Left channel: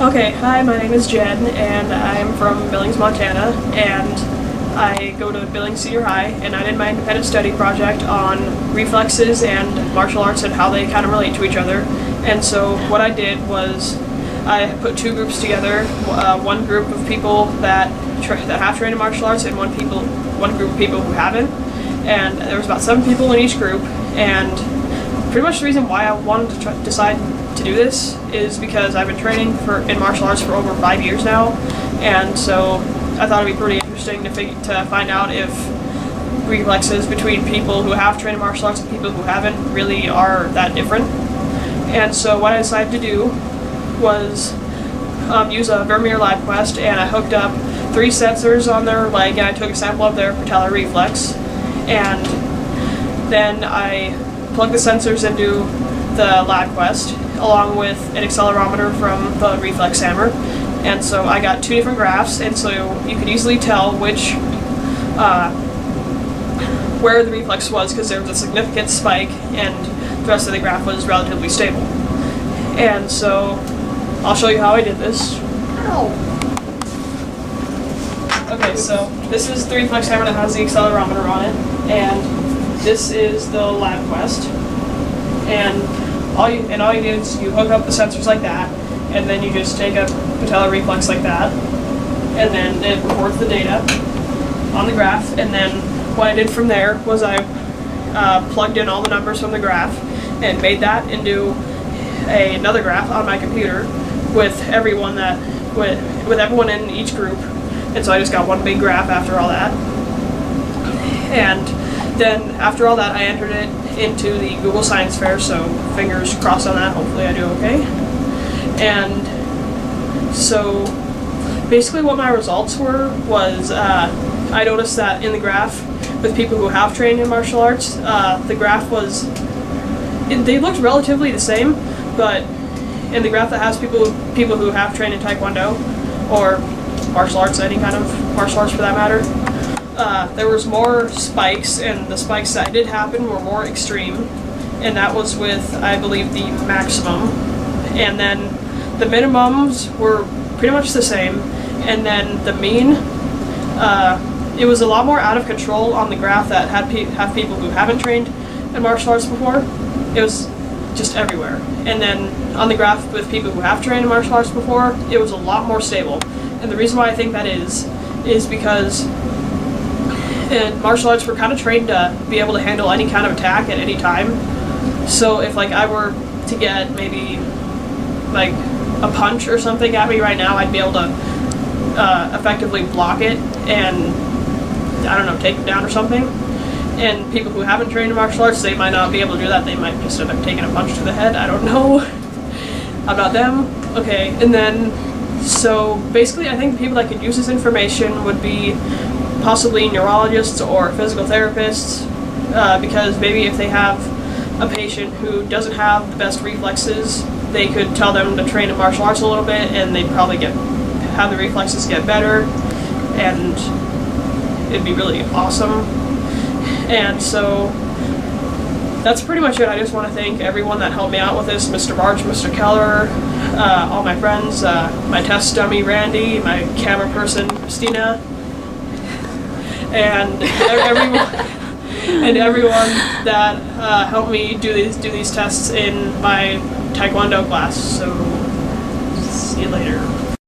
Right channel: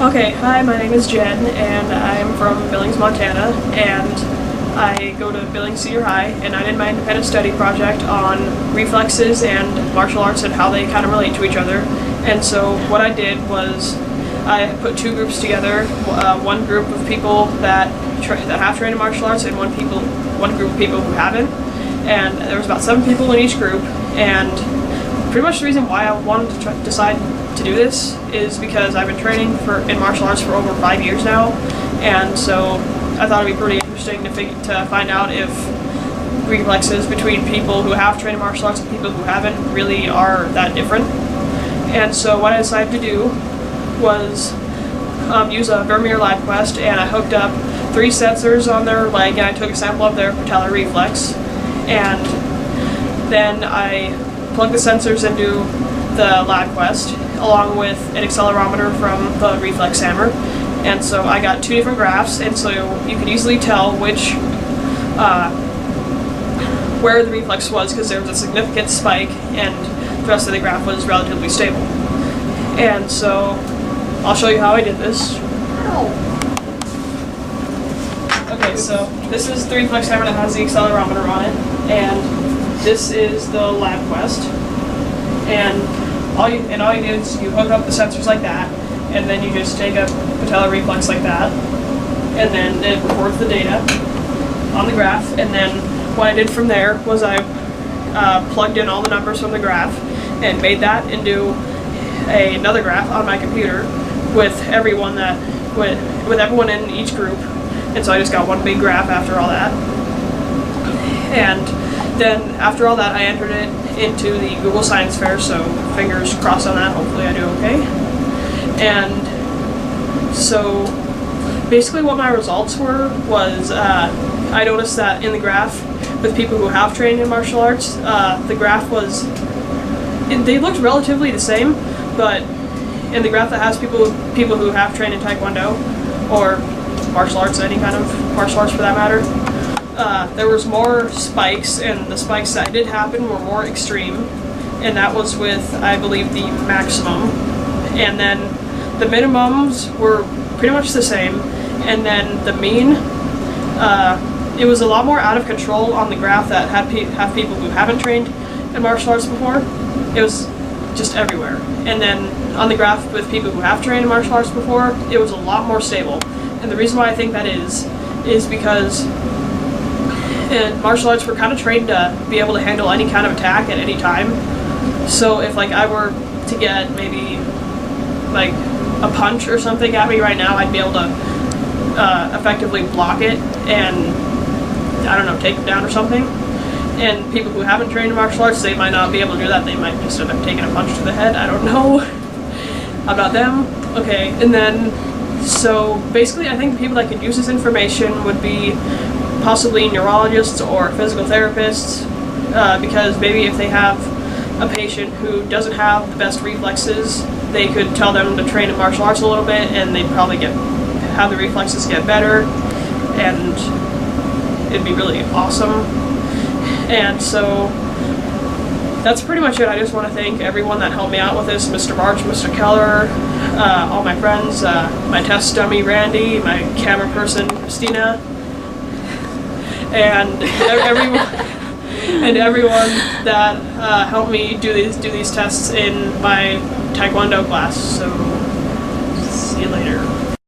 Okay, hi, my name is Jen, and I'm from Billings, Montana, and I go to Billings Senior High, and I did my independent study project on reflexes and martial arts and how they kind of relate to each other. And so what I did was I put two groups together, one group of people that have trained in martial arts and one group of people who haven't. And there was about 7 people in each group, and pretty much the reason why I wanted to decide to do this is because I've been training in martial arts for over 5 years now, and so I thought it'd be pretty interesting to find out if reflexes between people who have trained in martial arts and people who haven't really are that different. And so what I decided to do was use a Vermeer Lab Quest, and I hooked up 3 sensors on their leg, and I took a sample of their patellar reflex, and then I plugged the sensors into the Lab Quest along with an accelerometer from the reflex hammer, and so I got 2 different graphs, and so you could easily tell which where the reflex was, because there was a significant spike and the rest of the graph was relatively stable. And so I'll show you how I did this. Okay, so this is the reflex hammer that has the accelerometer on it, and this is the Lab Quest. And all you do is you hook up the sensors like that, and then you just take a patellar reflex like that, and then it records the data on the graph. And then what I did from there was I plugged in all the numbers from the graph and made that into another graph on my computer with everyone in each group. And so I just got one big graph after all that. And then after all that, I entered it into the Google Science Fair, so fingers crossed on that, hopefully I do okay. And so basically what my results were was I noticed that in the graph with people who have trained in martial arts, the graph they looked relatively the same, but in the graph that has people who have trained in Taekwondo or martial arts, any kind of martial arts for that matter, there was more spikes, and the spikes that did happen were more extreme, and that was with, I believe, the maximum. And then the minimums were pretty much the same, and then the mean, it was a lot more out of control on the graph that have people who haven't trained in martial arts before. It was just everywhere. And then on the graph with people who have trained in martial arts before, it was a lot more stable. And the reason why I think that is because in martial arts we're kind of trained to be able to handle any kind of attack at any time. So if I were to get maybe a punch or something at me right now, I'd be able to effectively block it and, I don't know, take it down or something. And people who haven't trained in martial arts, they might not be able to do that. They might just end up taking a punch to the head. I don't know. I'm not them. Okay, and then so basically I think the people that could use this information would be possibly neurologists or physical therapists, because maybe if they have a patient who doesn't have the best reflexes, they could tell them to train in martial arts a little bit, and they'd probably have the reflexes get better, and it'd be really awesome. And so that's pretty much it. I just want to thank everyone that helped me out with this, Mr. March, Mr. Keller, all my friends, my test dummy Randy, my camera person Christina, and everyone that helped me do these tests in my Taekwondo class. So see you later.